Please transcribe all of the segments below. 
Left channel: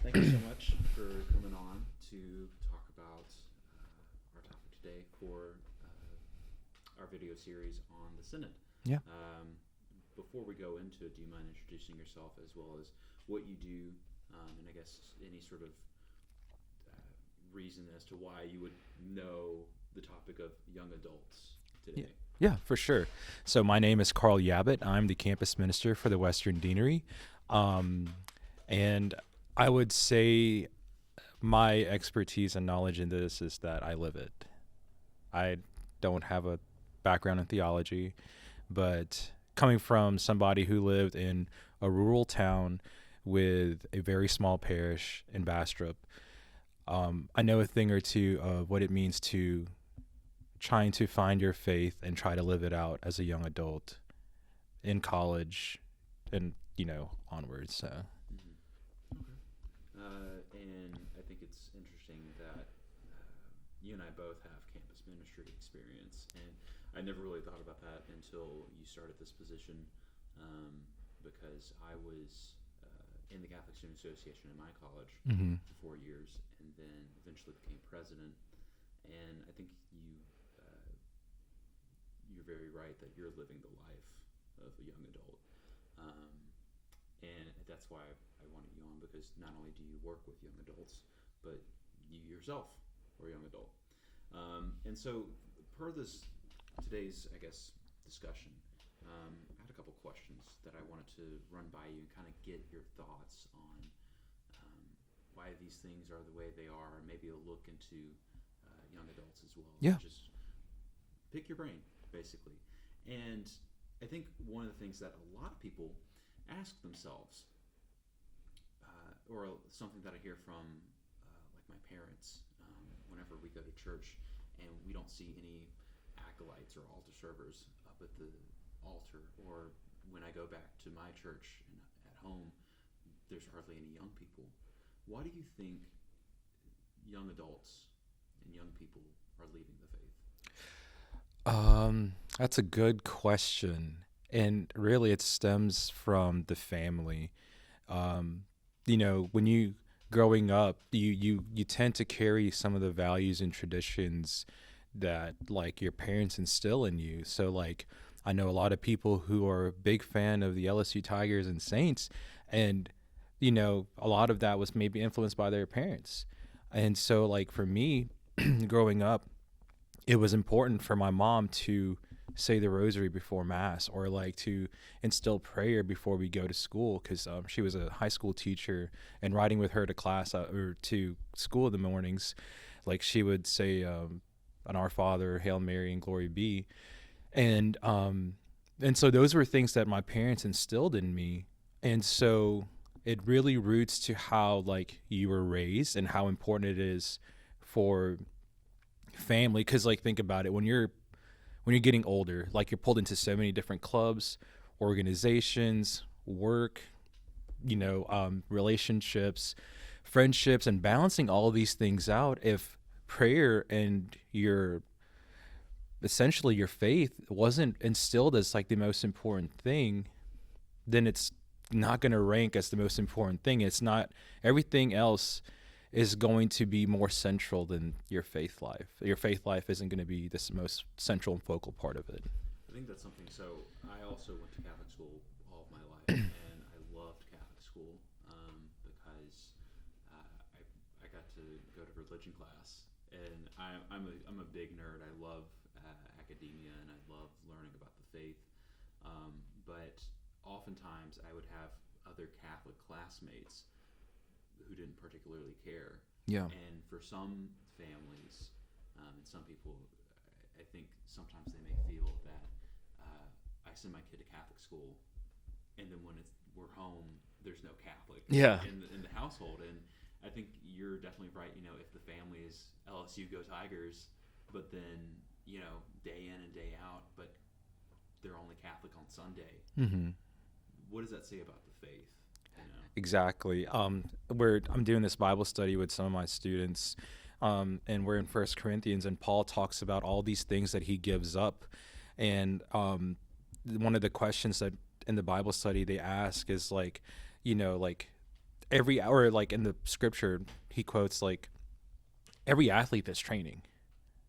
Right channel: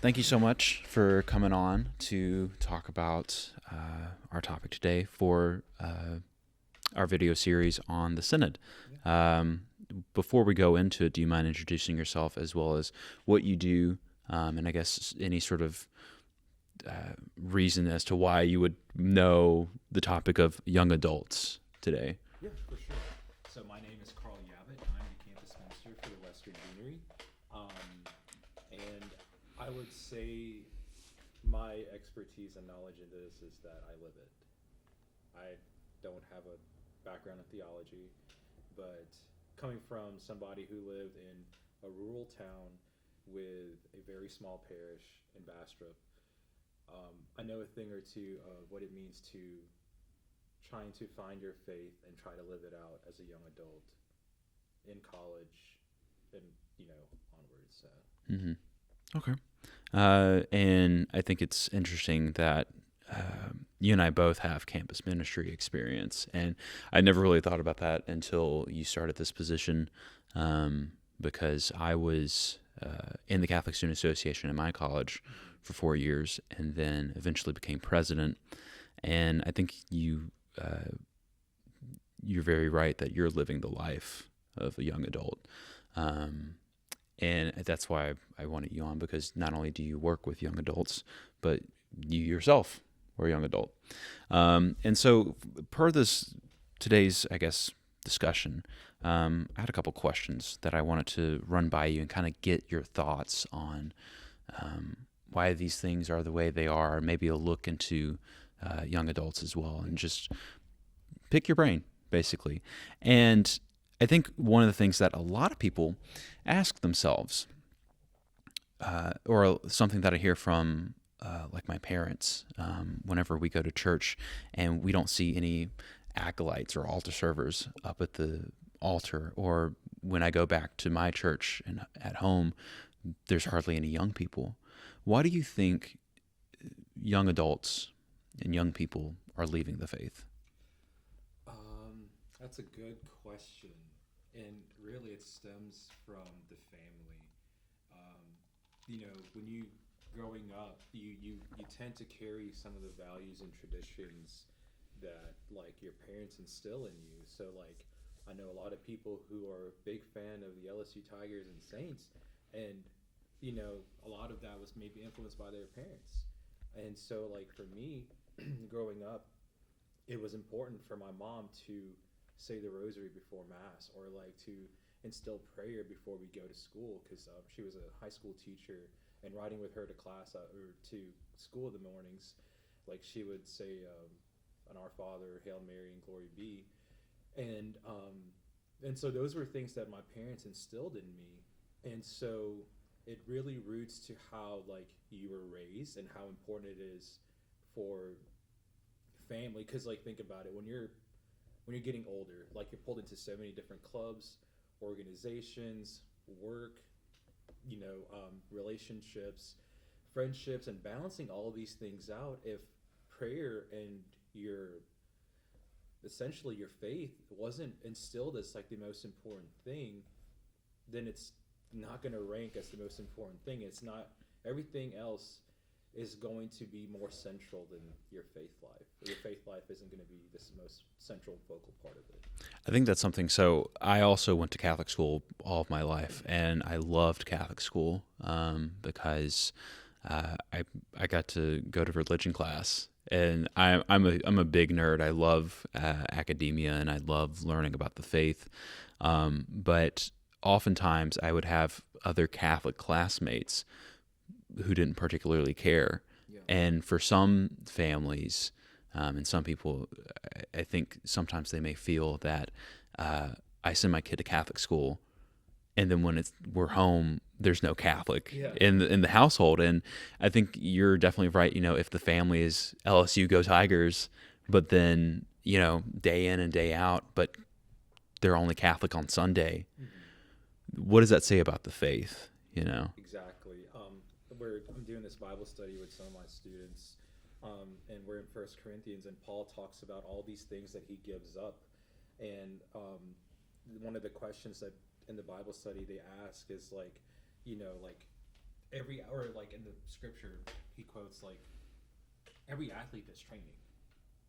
thank you so much for coming on to talk about our topic today for our video series on the Synod. Yeah. Before we go into it, do you mind introducing yourself as well as what you do, and I guess any sort of reason as to why you would know the topic of young adults today? Yeah, for sure. So my name is Karl Yabbit. I'm the campus minister for the Western Deanery. And I would say my expertise and knowledge in this is that I live it. I don't have a background in theology, but coming from somebody who lived in a rural town with a very small parish in Bastrop, I know a thing or two of what it means to trying to find your faith and try to live it out as a young adult in college and, onwards. So. Mm-hmm. Okay. And I think it's interesting that you and I both have campus ministry experience, and I never really thought about that until you started this position, because I was in the Catholic Student Association in my college for 4 years, and then eventually became president. And I think you're very right that you're living the life of a young adult. And that's why I wanted you on, because not only do you work with young adults, but you yourself were a young adult. And so per today's, I guess, discussion, I had a couple questions that I wanted to run by you and kind of get your thoughts on why these things are the way they are, maybe a look into young adults as well, Yeah. and just pick your brain, basically. And I think one of the things that a lot of people ask themselves, or something that I hear from like my parents, whenever we go to church and we don't see any acolytes or altar servers up at the altar, or when I go back to my church and at home, there's hardly any young people. Why do you think young adults and young people are leaving the faith? That's a good question. And really it stems from the family. When you growing up, you tend to carry some of the values and traditions that like your parents instill in you. So like I know a lot of people who are a big fan of the LSU Tigers and Saints, and a lot of that was maybe influenced by their parents. And so like for me, growing up, it was important for my mom to say the rosary before mass, or like to instill prayer before we go to school, because she was a high school teacher, and riding with her to class or to school in the mornings, like she would say an Our Father, Hail Mary, and Glory Be. And so those were things that my parents instilled in me. And so it really roots to how like you were raised and how important it is for family. Because like think about it, when you're getting older, like you're pulled into so many different clubs, organizations, work, relationships, friendships, and balancing all of these things out. If prayer and essentially your faith wasn't instilled as like the most important thing, then it's not going to rank as the most important thing. It's not. Everything else is going to be more central than your faith life. Your faith life isn't going to be this most central and focal part of it. I think that's something. So I also went to Catholic school all of my life, and I loved Catholic school because I got to go to religion class, and I'm a big nerd. I love academia, and I love learning about the faith. But oftentimes I would have other Catholic classmates who didn't particularly care. Yeah. And for some families, and some people, I think sometimes they may feel that I send my kid to Catholic school, and then when we're home, there's no Catholic in the household. And I think you're definitely right. If the family is LSU Go Tigers, but then day in and day out, but they're only Catholic on Sunday. Mm-hmm. What does that say about the faith? Exactly. I'm doing this Bible study with some of my students, and we're in 1 Corinthians, and Paul talks about all these things that he gives up. And one of the questions that in the Bible study they ask is like every hour, like in the scripture, he quotes like every athlete that's training,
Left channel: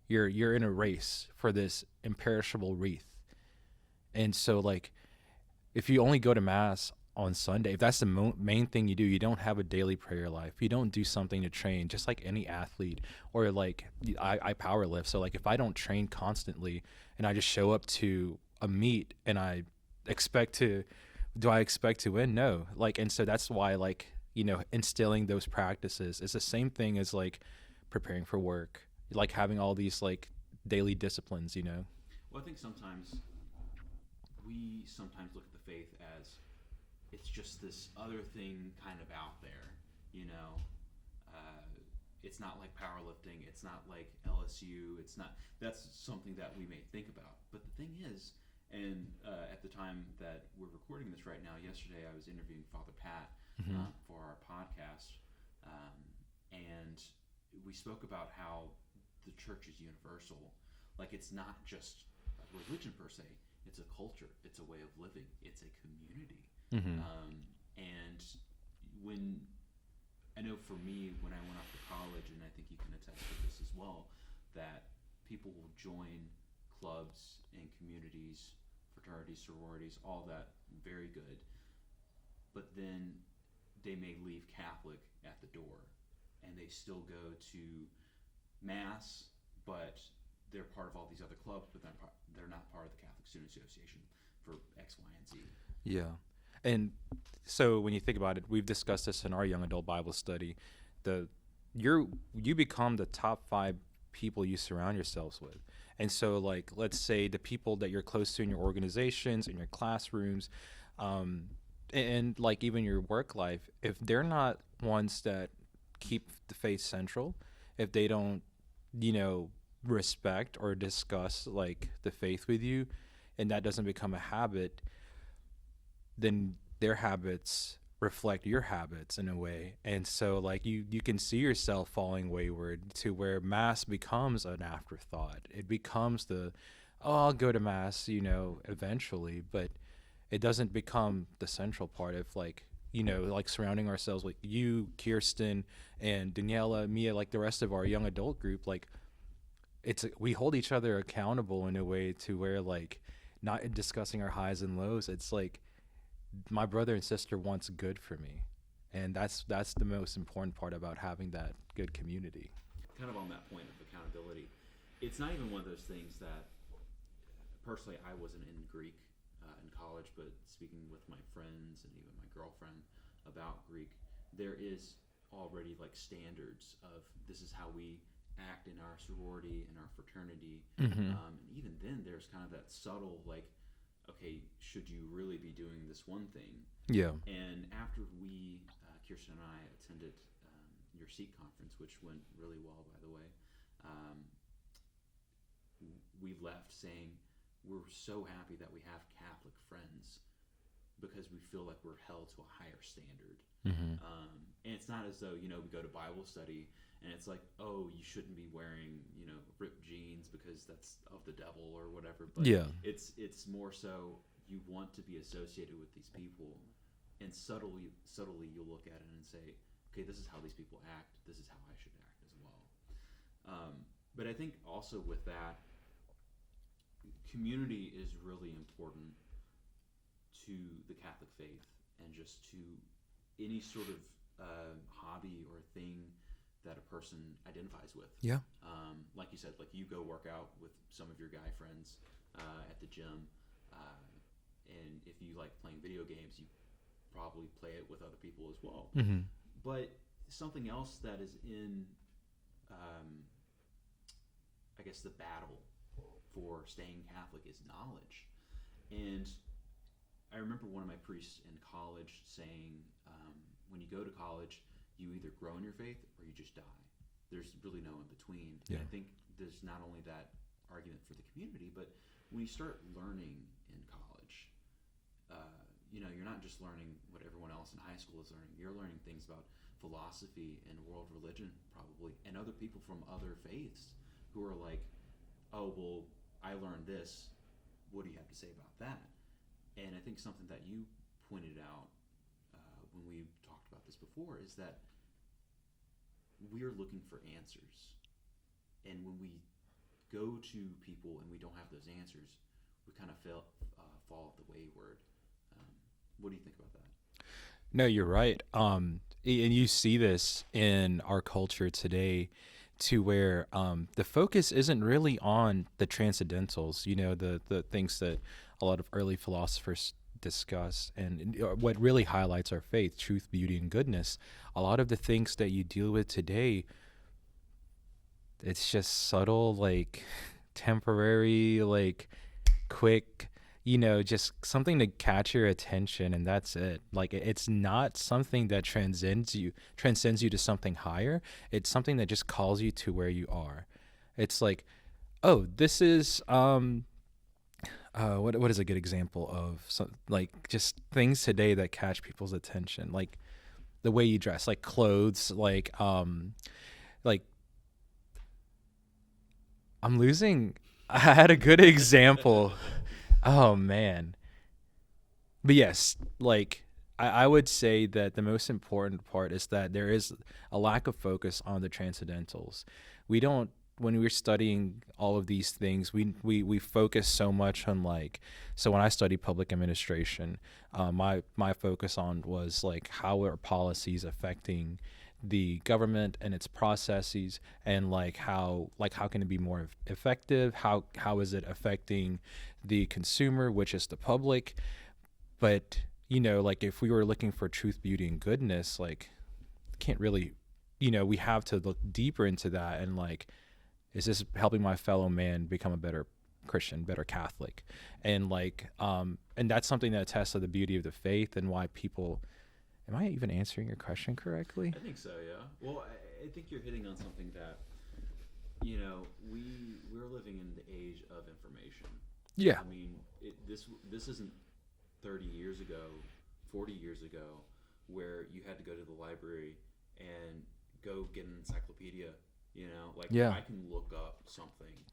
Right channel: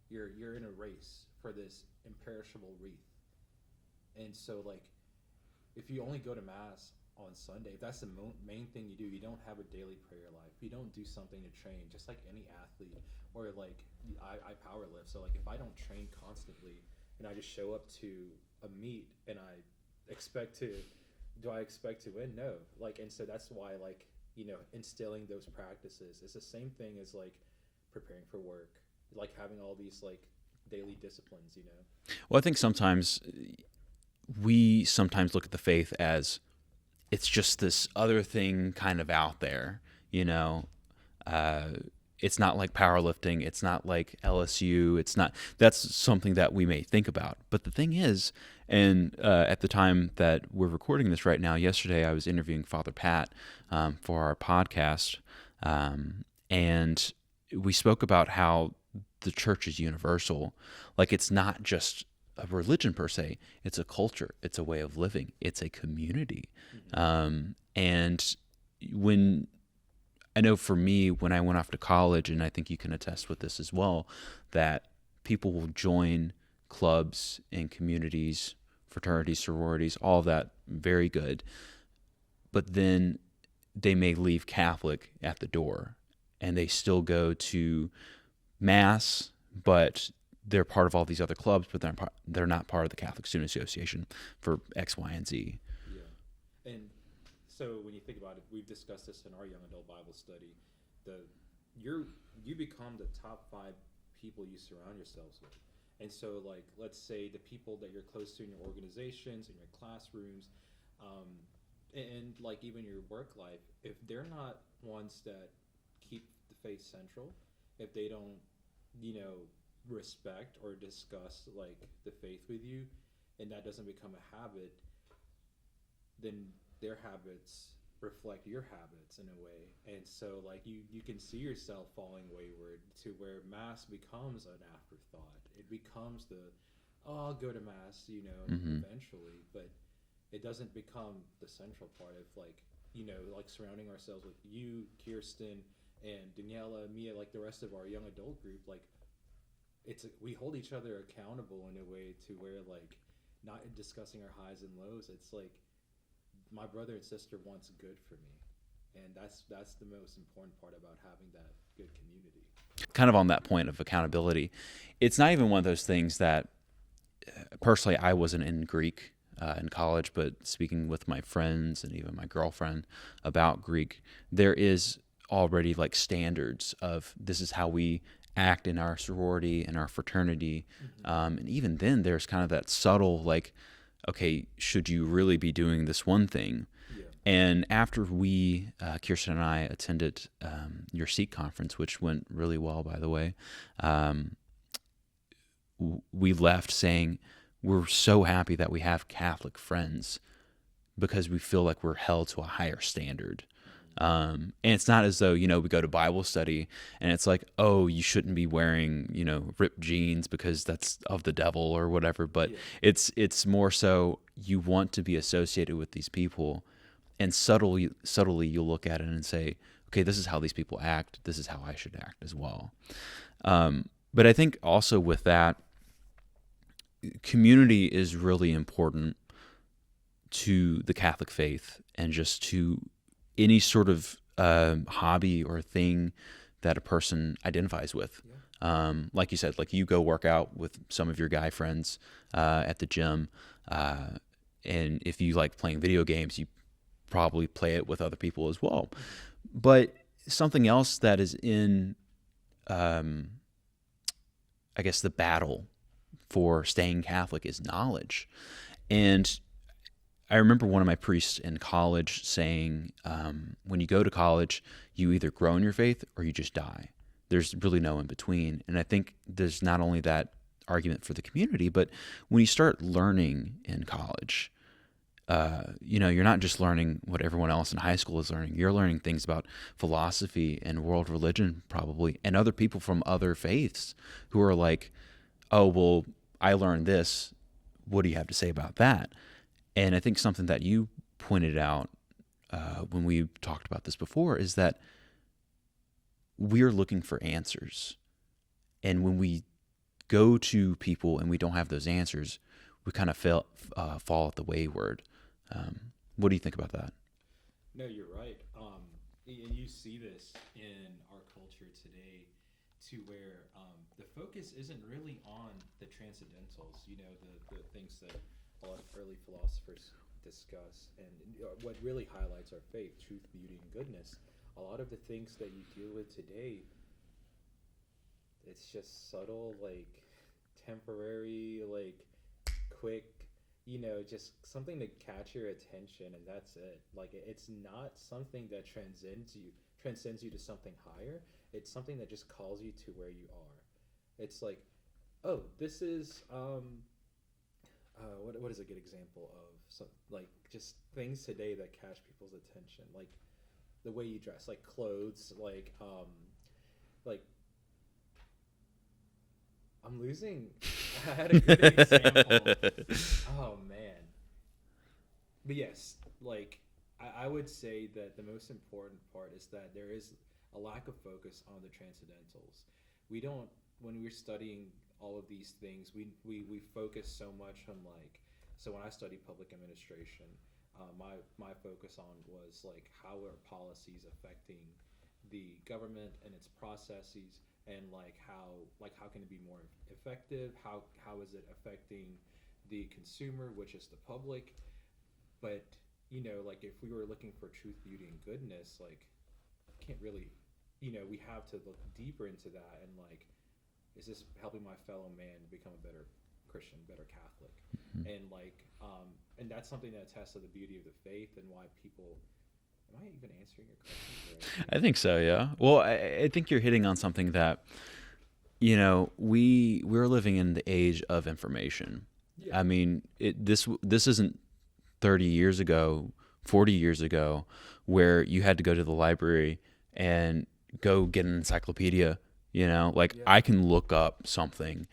you're in a race for this imperishable wreath. And so like if you only go to mass on Sunday, if that's the main thing you do, you don't have a daily prayer life. You don't do something to train, just like any athlete. Or like I power lift. So like if I don't train constantly and I just show up to a meet and I expect to, do I expect to win? No. Like, and so that's why like, you know, instilling those practices is the same thing as like preparing for work, like having all these like daily disciplines, you know? Well, I think sometimes we sometimes look at the faith as it's just this other thing kind of out there, you know. It's not like powerlifting. It's not like LSU. It's not. That's something that we may think about. But the thing is, and at the time that we're recording this right now, yesterday I was interviewing Father Pat for our podcast, and we spoke about how the church is universal. Like it's not just a religion per se. It's a culture. It's a way of living. It's a community. And when I know for me, when I went off to college, and I think you can attest with this as well, that people will join clubs and communities, fraternities, sororities, all of that, very good. But then they may leave Catholic at the door, and they still go to mass, but they're part of all these other clubs, but they're not part of the Catholic Student Association for X, Y, and Z. Yeah. And so when you think about it, we've discussed this in our young adult Bible study. You become the top 5 people you surround yourselves with. And so like, let's say the people that you're close to in your organizations, in your classrooms, and like even your work life, if they're not ones that keep the faith central, if they don't, you know, respect or discuss like the faith with you, and that doesn't become a habit, then their habits reflect your habits in a way. And so like you can see yourself falling wayward to where mass becomes an afterthought. It becomes I'll go to mass, you know, eventually, but it doesn't become the central part of like, you know, like surrounding ourselves with you, Kirsten, and Daniela, Mia, like the rest of our young adult group. Like we hold each other accountable in a way to where like not discussing our highs and lows. It's like my brother and sister wants good for me, and that's the most important part about having that good community. Kind of on that point of accountability, it's not even one of those things that personally I wasn't in Greek in college, but speaking with my friends and even my girlfriend about Greek, there is already like standards of this is how we act in our sorority and our fraternity. And even then there's kind of that subtle like, okay, should you really be doing this one thing? Yeah. And after we, Kirsten and I, attended your SEEK conference, which went really well, by the way, we left saying we're so happy that we have Catholic friends because we feel like we're held to a higher standard. And it's not as though, you know, we go to Bible study and it's like, oh, you shouldn't be wearing, you know, ripped jeans because that's of the devil or whatever. But it's more so you want to be associated with these people, and subtly you'll look at it and say, okay, this is how these people act. This is how I should act as well. But I think also with that, community is really important to the Catholic faith and just to any sort of hobby or thing that a person identifies with. Yeah. Like you said, like you go work out with some of your guy friends at the gym. And if you like playing video games, you probably play it with other people as well. But something else that is in, I guess, the battle for staying Catholic is knowledge. And I remember one of my priests in college saying, when you go to college, you either grow in your faith or you just die. There's really no in between. And I think there's not only that argument for the community, but when you start learning in college, you know, you're not just learning what everyone else in high school is learning. You're learning things about philosophy and world religion probably, and other people from other faiths who are like, oh, well, I learned this. What do you have to say about that? And I think something that you pointed out when we talked about this before, is that we're looking for answers. And when we go to people and we don't have those answers, we kind of fall at the wayward. What do you think about that? No, you're right. And you see this in our culture today, to where the focus isn't really on the transcendentals, the things that a lot of early philosophers discuss, and what really highlights our faith: truth, beauty, and goodness. A lot of the things that you deal with today, it's just subtle, like temporary, like quick, just something to catch your attention, and that's it. Like it's not something that transcends you to something higher. It's something that just calls you to where you are. It's like, oh, this is what is a good example of some, like, just things today that catch people's attention, like the way you dress, like clothes, like I'm losing. I had a good example. Oh man. But yes, like I would say that the most important part is that there is a lack of focus on the transcendentals. We don't, when we're studying all of these things, we focus so much on, like, so when I studied public administration, my focus on was like, how are policies affecting the government and its processes, and like how can it be more effective, how is it affecting the consumer, which is the public. But like if we were looking for truth, beauty, and goodness, like can't really, we have to look deeper into that, and like, is this helping my fellow man become a better Christian, better Catholic? And like and that's something that attests to the beauty of the faith, and why people. Am I even answering your question correctly? I think so, yeah. Well, I think you're hitting on something that, we're living in the age of information. Yeah. I mean, this isn't 30 years ago, 40 years ago, where you had to go to the library and go get an encyclopedia, like Yeah. I can look up something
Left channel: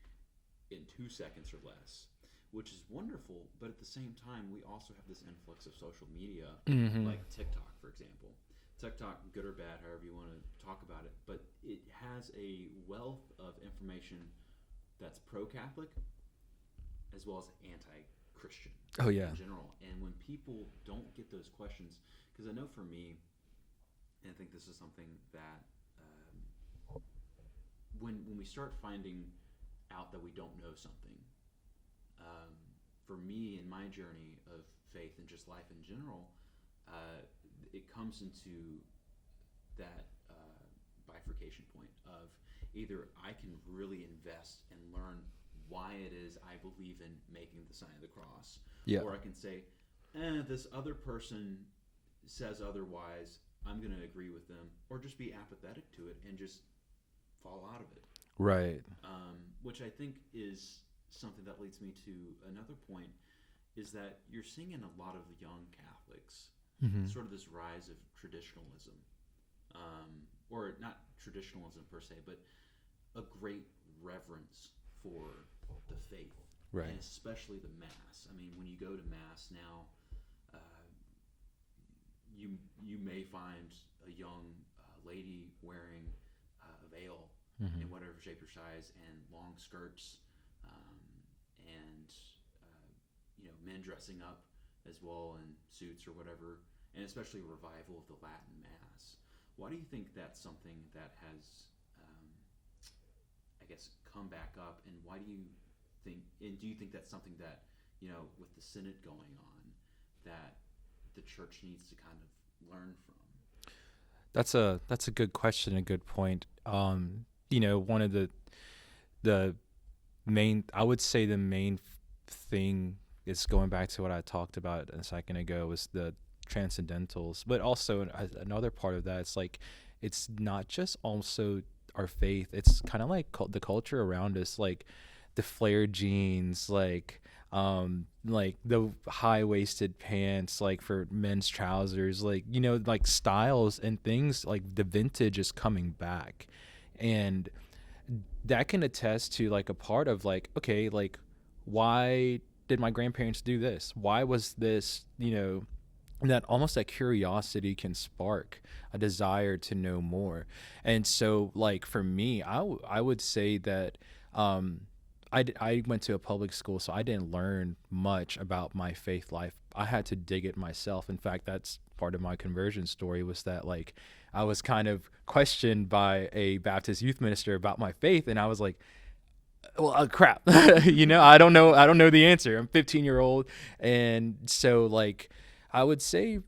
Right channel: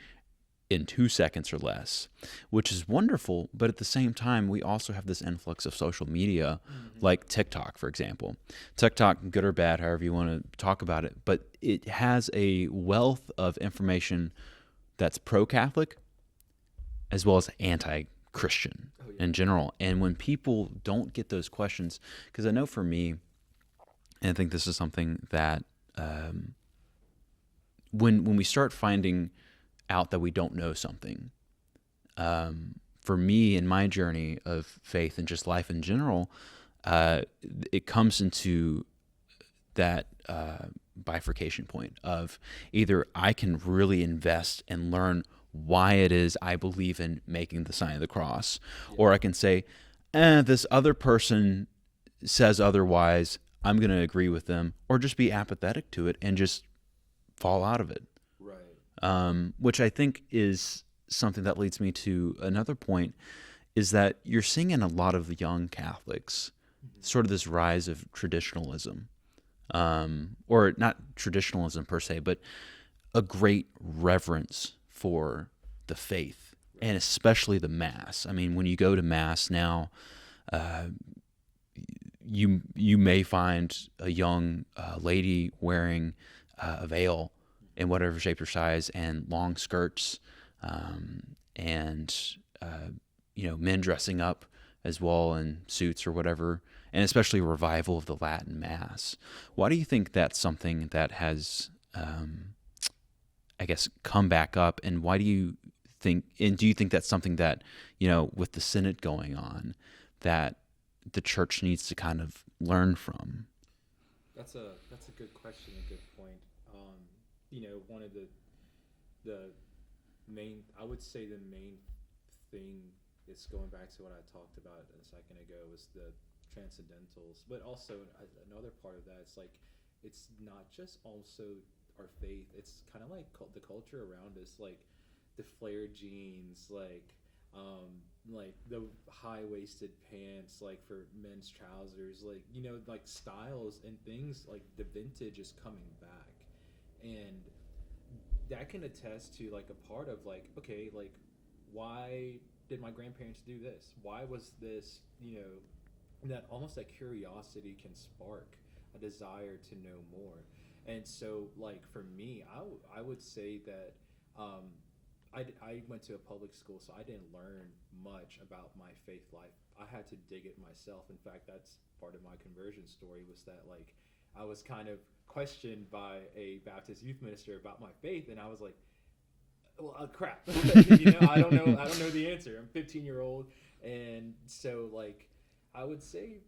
in 2 seconds or less, which is wonderful. But at the same time, we also have this influx of social media, like TikTok, for example. TikTok, good or bad, however you want to talk about it, but it has a wealth of information that's pro-Catholic as well as anti-Christian in general. And when people don't get those questions, because I know for me, and I think this is something that when we start finding out that we don't know something, for me in my journey of faith and just life in general, it comes into that bifurcation point of either I can really invest and learn why it is I believe in making the sign of the cross, or I can say, this other person says otherwise, I'm going to agree with them, or just be apathetic to it and just fall out of it. Right. Which I think is something that leads me to another point, is that you're seeing in a lot of young Catholics sort of this rise of traditionalism, or not traditionalism per se, but a great reverence for the faith, and especially the Mass. I mean, when you go to Mass now, you may find a young lady wearing a veil in whatever shape or size, and long skirts, and men dressing up as well in suits or whatever, and especially a revival of the Latin Mass. Why do you think that's something that has, I guess, come back up, and why do you think that's something that, with the Synod going on, that the Church needs to kind of learn from? That's a good question, a good point. One of the main, I would say the main thing is going back to what I talked about a second ago, was the transcendentals. But also another part of that, it's like, it's not just also our faith, it's kind of like the culture around us, like the flared jeans, like the high-waisted pants, like for men's trousers, like like styles and things, like the vintage is coming back. And that can attest to like a part of like, okay, like why did my grandparents do this? Why was this, and that almost that curiosity can spark a desire to know more. And so like for me, I would say that um I went to a public school, so I didn't learn much about my faith life. I had to dig it myself. In fact, that's part of my conversion story, was that like I was kind of questioned by a Baptist youth minister about my faith, and I was like, well, crap. I don't know the answer. I'm 15-year-old. And so like I would say,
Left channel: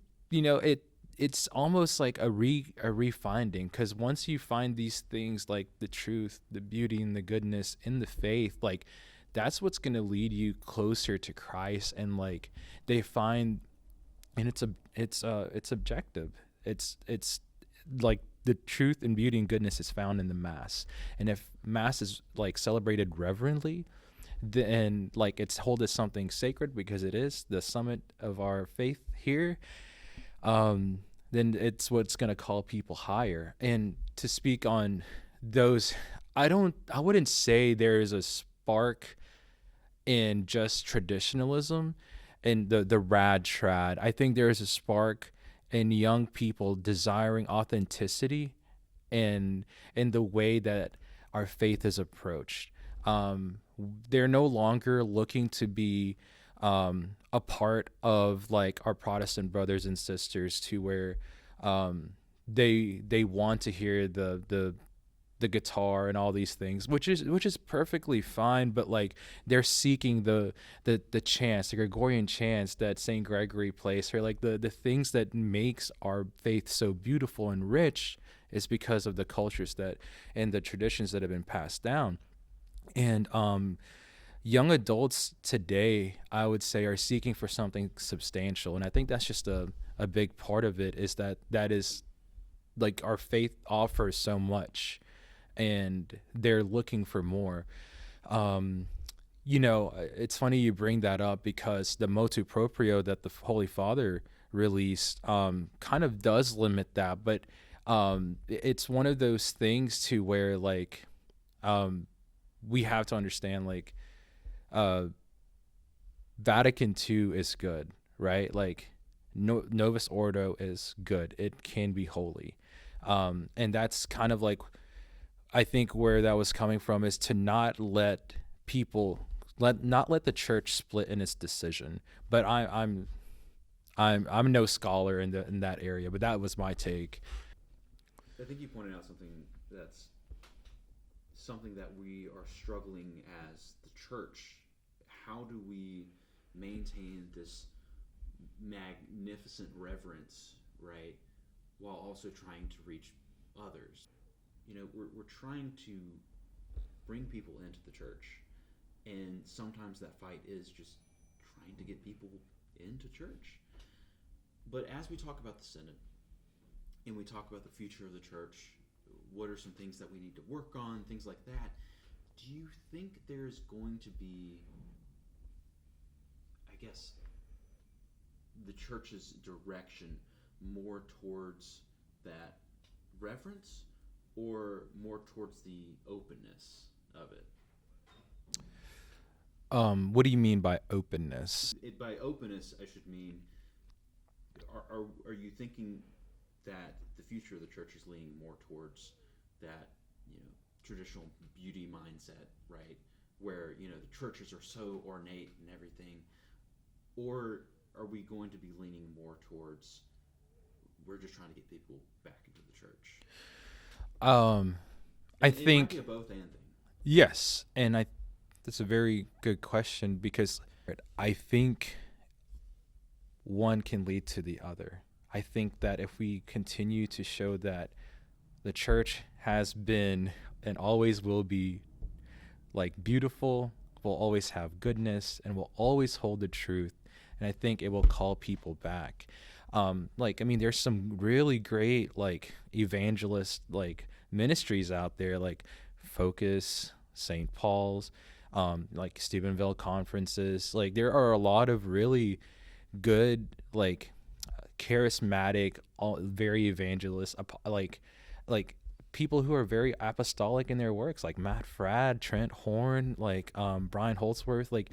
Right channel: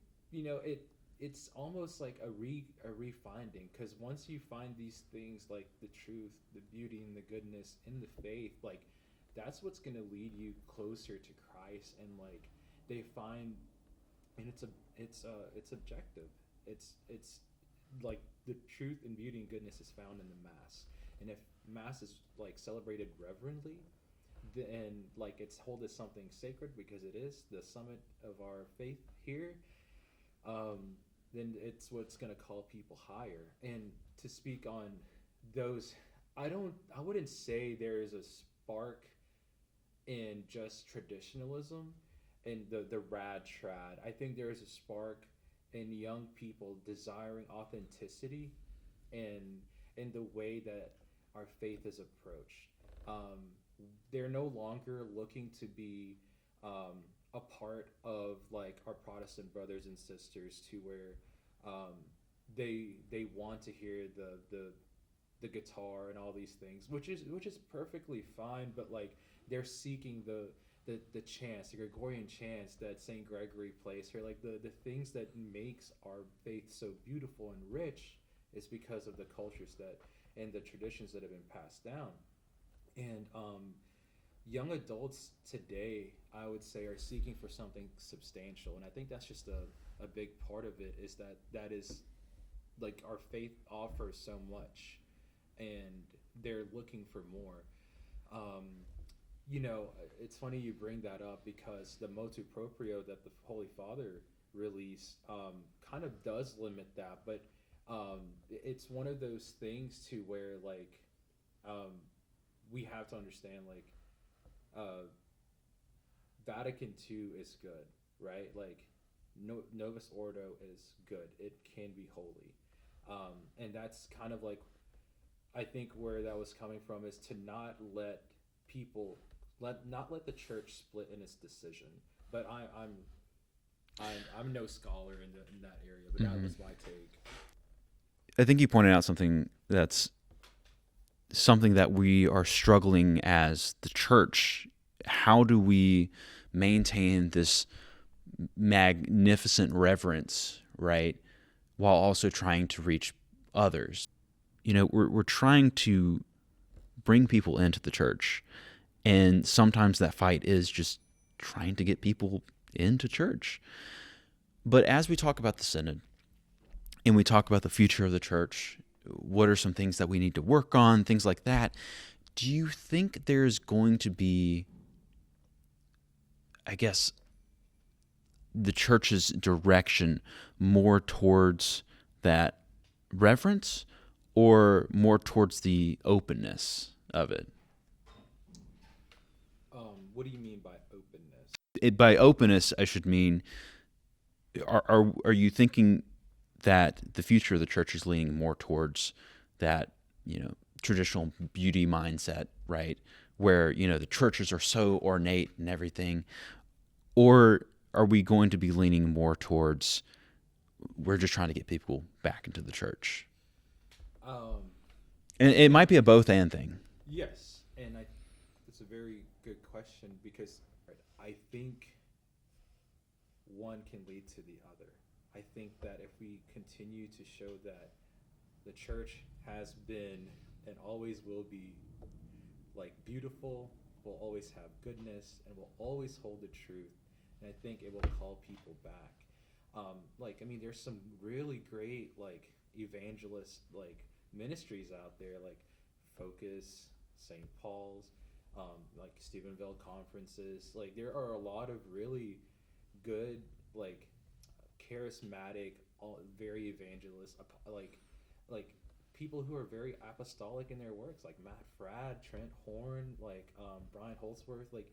it's almost like a refinding, because once you find these things, like the truth, the beauty, and the goodness in the faith, like that's what's going to lead you closer to Christ. And like they find, and it's objective. It's like the truth and beauty and goodness is found in the mass. And if mass is like celebrated reverently, then like it's held as something sacred because it is the summit of our faith here, then it's what's going to call people higher. And to speak on those, I wouldn't say there is a spark in just traditionalism and the rad trad. I think there is a spark in young people desiring authenticity and in the way that our faith is approached. They're no longer looking to be a part of like our Protestant brothers and sisters, to where they want to hear the guitar and all these things, which is perfectly fine. But like they're seeking the chants, the Gregorian chants that Saint Gregory plays, or like the things that makes our faith so beautiful and rich, is because of the cultures that and the traditions that have been passed down. And young adults today, I would say, are seeking for something substantial. And I think that's just a big part of it, is that is like our faith offers so much and they're looking for more. It's funny you bring that up, because the motu proprio that the Holy Father released kind of does limit that. But it's one of those things to where like we have to understand, like Vatican II is good, right? Like Novus Ordo is good. It can be holy. And that's kind of like, I think where that was coming from, is to not let the church split in its decision. But I'm no scholar in that area, but that was my take. I think you pointed out something that we are struggling as the church. How do we maintain this magnificent reverence, right, while also trying to reach others? We're trying to bring people into the church, and sometimes that fight is just trying to get people into church. But as we talk about the synod and we talk about the future of the church, what are some things that we need to work on, things like that, do you think there's going to be, I guess, the church's direction more towards that reverence or more towards the openness of it? What do you mean by openness? By openness, I should mean, are you thinking that the future of the church is leaning more towards that, traditional beauty mindset, right? Where, the churches are so ornate and everything, or are we going to be leaning more towards, we're just trying to get people back into the church? And it might be a both and thing. Yes. And that's a very good question, because I think one can lead to the other. I think that if we continue to show that the church has been and always will be like beautiful, will always have goodness, and will always hold the truth, and I think it will call people back. There's some really great like evangelist like ministries out there, like Focus, St. Paul's, like Stephenville conferences. Like there are a lot of really good like charismatic, very evangelist, like people who are very apostolic in their works, like Matt Fradd, Trent Horn, like Brian Holtzworth. Like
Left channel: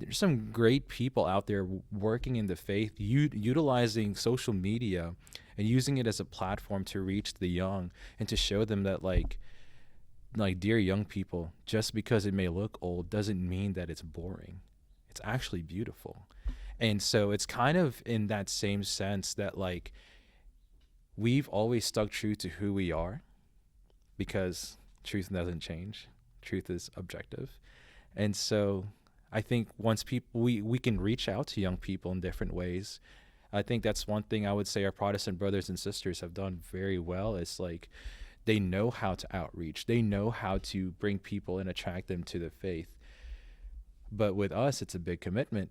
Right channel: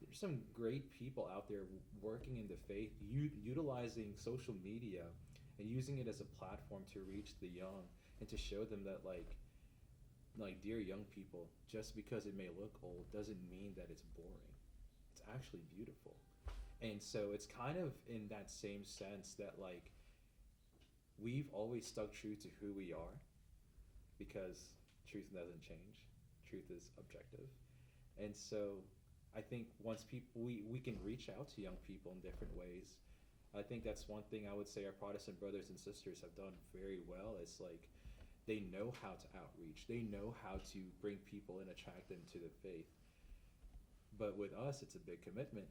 there's some great people out there working in the faith, utilizing social media and using it as a platform to reach the young and to show them that dear young people, just because it may look old doesn't mean that it's boring. It's actually beautiful. And so it's kind of in that same sense that we've always stuck true to who we are, because truth doesn't change. Truth is objective. And so I think once we can reach out to young people in different ways. I think that's one thing I would say our Protestant brothers and sisters have done very well, is they know how to outreach. They know how to bring people and attract them to the faith. But with us, it's a big commitment.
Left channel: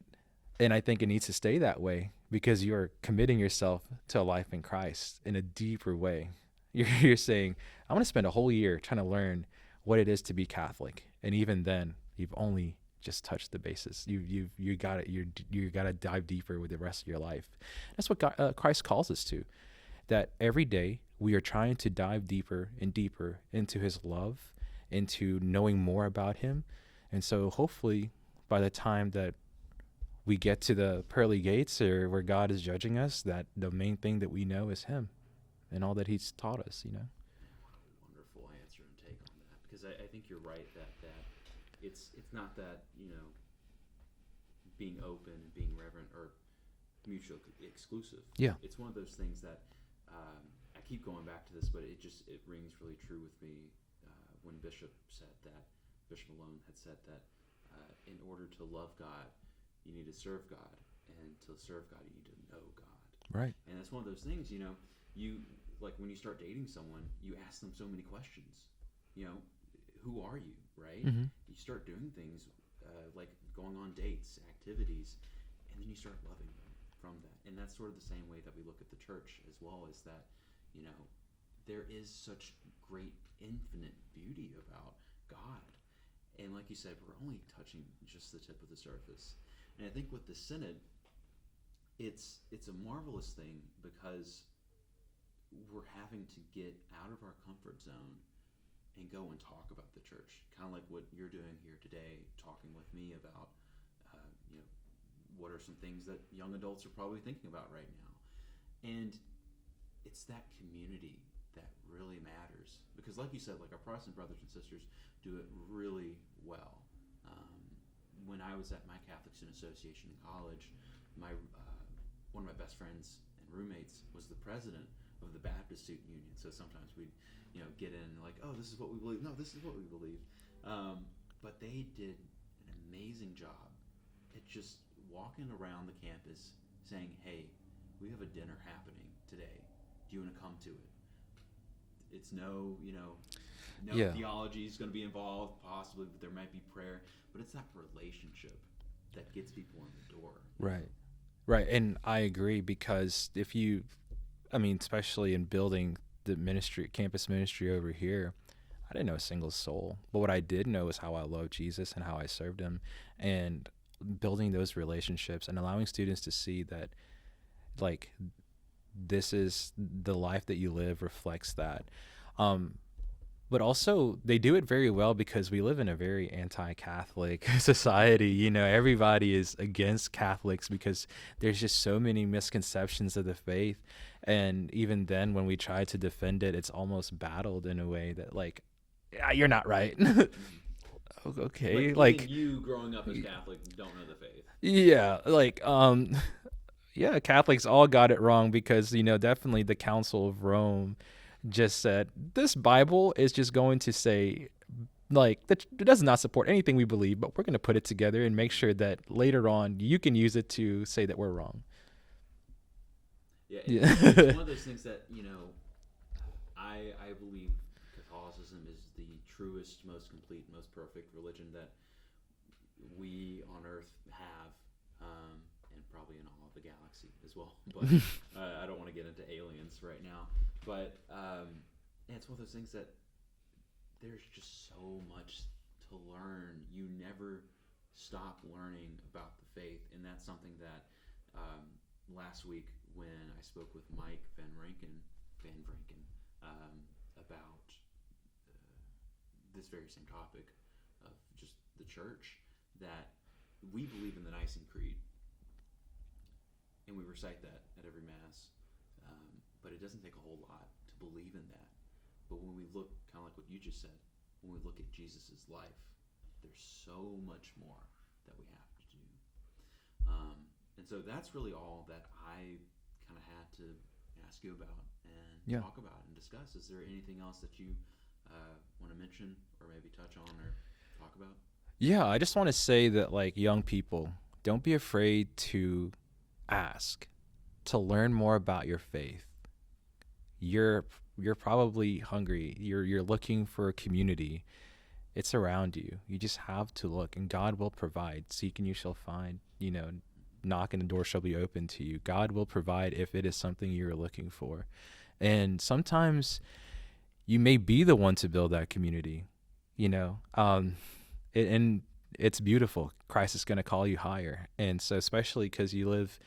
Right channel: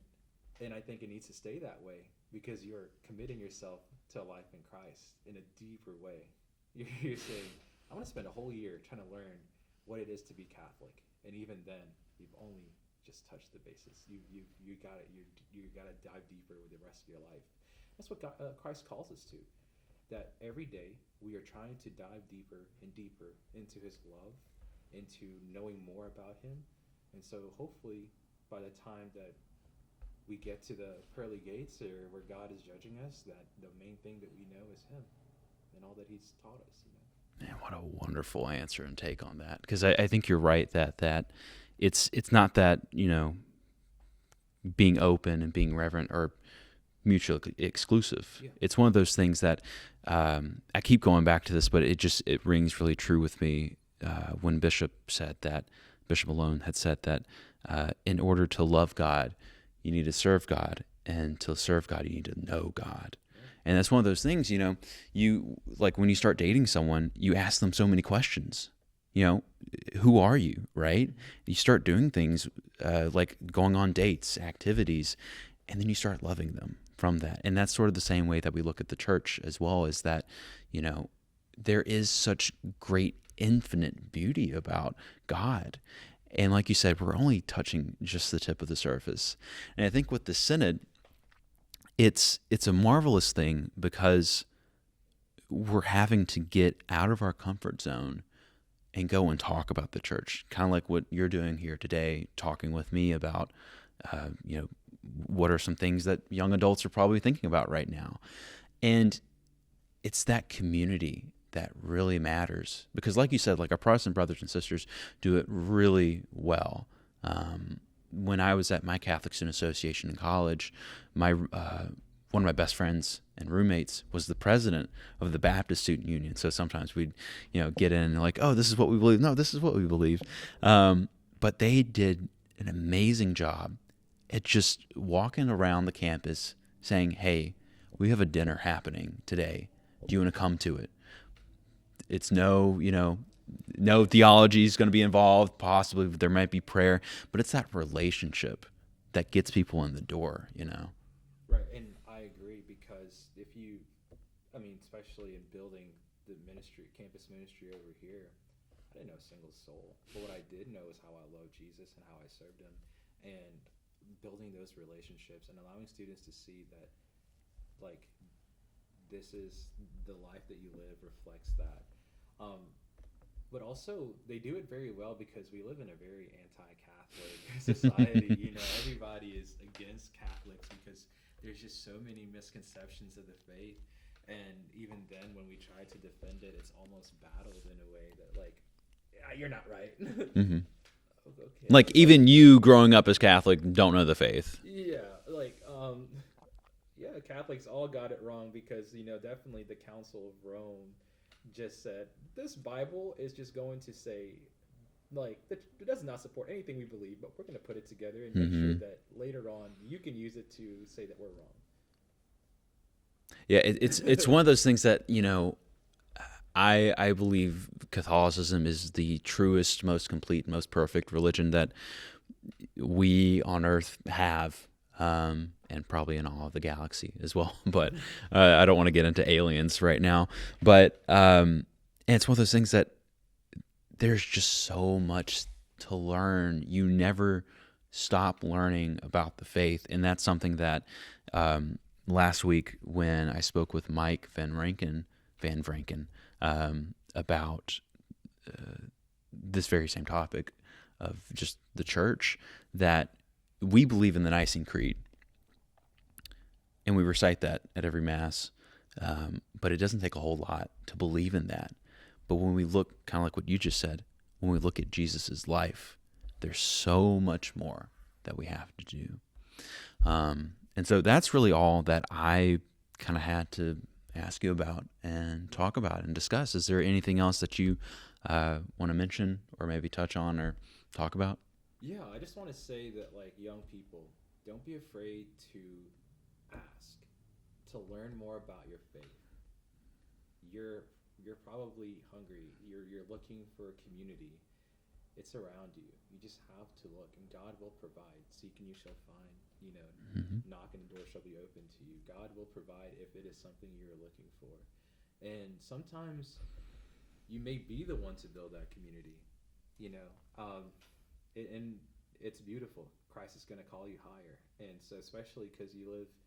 And I think it needs to stay that way, because you're committing yourself to a life in Christ in a deeper way. You're saying, I'm going to spend a whole year trying to learn what it is to be Catholic. And even then, you've only just touched the basis. You got to dive deeper with the rest of your life. That's what Christ calls us to. That every day we are trying to dive deeper and deeper into his love, into knowing more about him. And so hopefully by the time that we get to the pearly gates, or where God is judging us, that the main thing that we know is him and all that he's taught us, Man, what a wonderful answer and take on that. Because I think you're right that it's not that, being open and being reverent are mutually exclusive. Yeah. It's one of those things that I keep going back to this, but it rings really true with me when Bishop Malone had said that in order to love God, you need to serve God, and to serve God, you need to know God. Right. And that's one of those things, you when you start dating someone, you ask them so many questions. Who are you, right? Mm-hmm. You start doing things like going on dates, activities, and then you start loving them from that. And that's sort of the same way that we look at the church as well, is that, there is such great infinite beauty about God. And like you said, we're only touching just the tip of the surface. And I think with the Synod, it's a marvelous thing, because we're having to get out of our comfort zone and go and talk about the church, kind of like what you're doing here today, talking with me about, what are some things that young adults are probably thinking about right now. And it's that community that really matters, because like you said, our Protestant brothers and sisters do it really well. When I was at my Catholic Student Association in college, my one of my best friends and roommates was the president of the Baptist Student Union. So sometimes we'd, get in and oh, this is what we believe. No, this is what we believe. But they did an amazing job at just walking around the campus saying, hey, we have a dinner happening today. Do you want to come to it? It's no theology is going to be involved. Possibly there might be prayer, but it's that relationship that gets people in the door, you know? Right. And I agree, because especially in building the campus ministry over here, I didn't know a single soul. But what I did know is how I loved Jesus and how I served him, and building those relationships and allowing students to see that, this is the life that you live reflects that. But also they do it very well, because we live in a very anti-Catholic society. Everybody is against Catholics because there's just so many misconceptions of the faith. And even then, when we try to defend it, it's almost battled in a way that you're not right. Mm-hmm. Okay. Even you growing up as Catholic don't know the faith. Yeah. Yeah, Catholics all got it wrong, because, definitely the Council of Rome just said, this Bible is just going to say, that it does not support anything we believe, but we're going to put it together and make sure that later on you can use it to say that we're wrong. Yeah, it's one of those things that, I believe Catholicism is the truest, most complete, most perfect religion that we on earth have. And probably in all of the galaxy as well. But I don't want to get into aliens right now. But and it's one of those things that there's just so much to learn. You never stop learning about the faith. And that's something that last week when I spoke with Mike Van Vranken about this very same topic of just the church, that we believe in the Nicene Creed, and we recite that at every Mass, but it doesn't take a whole lot to believe in that. But when we look, kind of like what you just said, when we look at Jesus's life, there's so much more that we have to do. And so that's really all that I kind of had to ask you about and talk about and discuss. Is there anything else that you want to mention or maybe touch on or talk about? Yeah, I just want to say that, like, young people, don't be afraid to ask, to learn more about your faith. You're probably hungry. You're looking for a community. It's around you. You just have to look, and God will provide. Seek and you shall find. Knock and the door shall be open to you. God will provide if it is something you're looking for. And sometimes you may be the one to build that community, and it's beautiful. Christ is going to call you higher. And so, especially because you live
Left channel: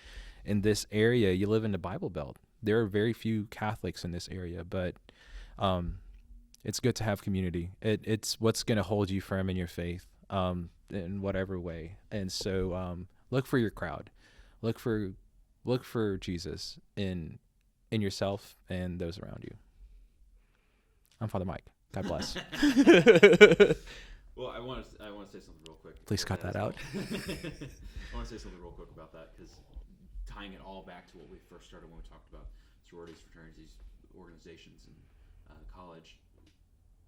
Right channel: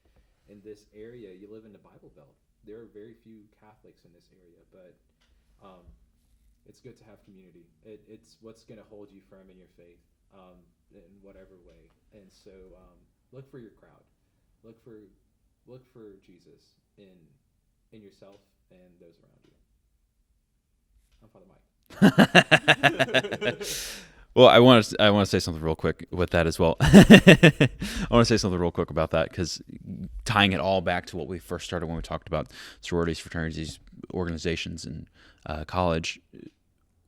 in this area, you live in the Bible Belt. There are very few Catholics in this area, but it's good to have community. It's what's going to hold you firm in your faith, in whatever way. And so, look for your crowd, look for Jesus in yourself and those around you. I'm Father Mike. God bless. Well, I want to say something real quick Please with cut that as well. out. I want to say something real quick about that, because tying it all back to what we first started when we talked about sororities, fraternities, organizations in college.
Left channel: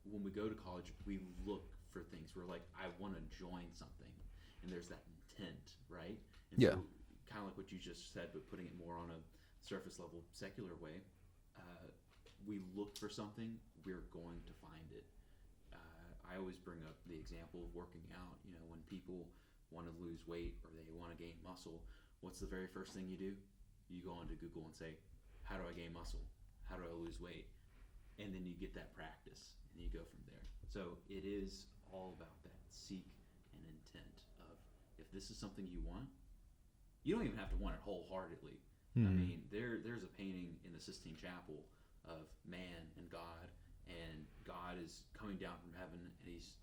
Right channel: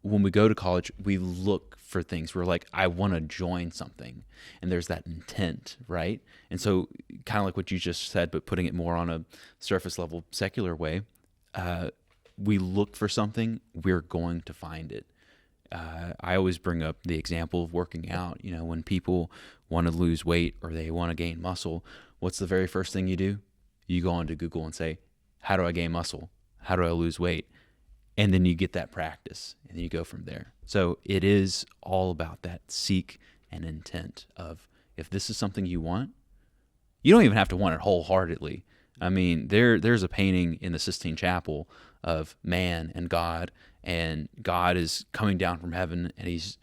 When we go to college, we look for things. We're like, I want to join something, and there's that intent, right? And so, kind of like what you just said, but putting it more on a surface level, secular way, we look for something, we're going to find it. I always bring up the example of working out. When people want to lose weight or they want to gain muscle, what's the very first thing you do? You go onto Google and say, how do I gain muscle? How do I lose weight? And then you get that practice, and then you go from there. So it is all about that seek and intent of, if this is something you want, you don't even have to want it wholeheartedly. Mm-hmm. I mean, there's a painting in the Sistine Chapel of man and God is coming down from heaven, and he's,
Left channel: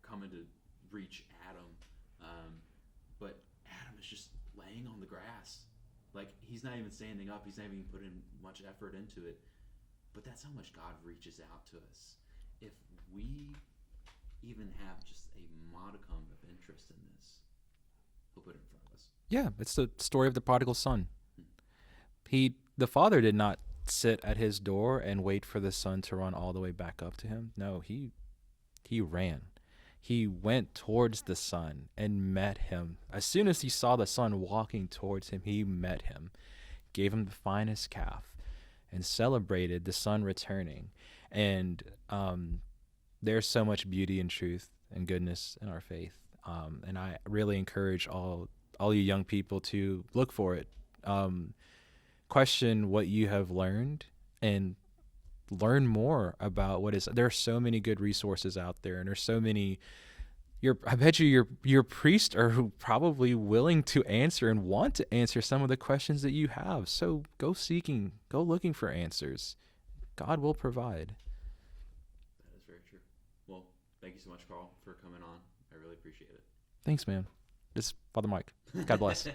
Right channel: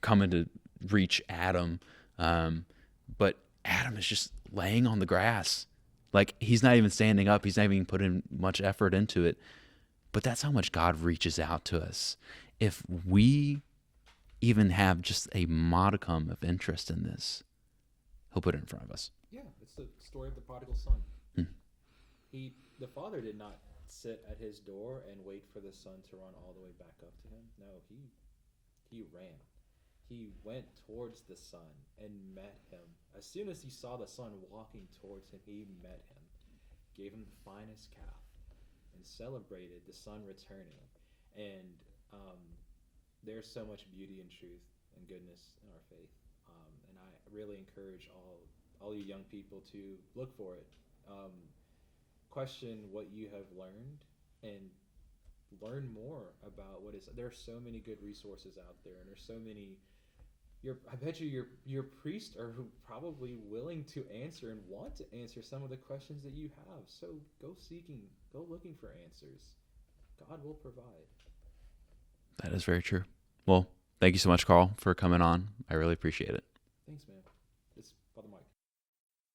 coming to reach Adam. But Adam is just laying on the grass. Like, he's not even standing up. He's not even putting much effort into it. But that's how much God reaches out to us. If we even have just a modicum of interest in this, he'll put it in front of us. Yeah, it's the story of the prodigal son. The father did not sit at his door and wait for the son to run all the way back up to him. No, he ran. He went towards the son and met him. As soon as he saw the son walking towards him, he met him, gave him the finest calf, and celebrated the son returning. And there's so much beauty and truth and goodness in our faith. And I really encourage all you young people to look for it. Question what you have learned and learn more about what is. There are so many good resources out there, and there's so many. I bet you your priests are probably willing to answer and want to answer some of the questions that you have. So go looking for answers. God will provide. That is very true. Well, thank you so much, Karl, for coming on. I really appreciate it. Thanks, man. This is Father Mike. God bless.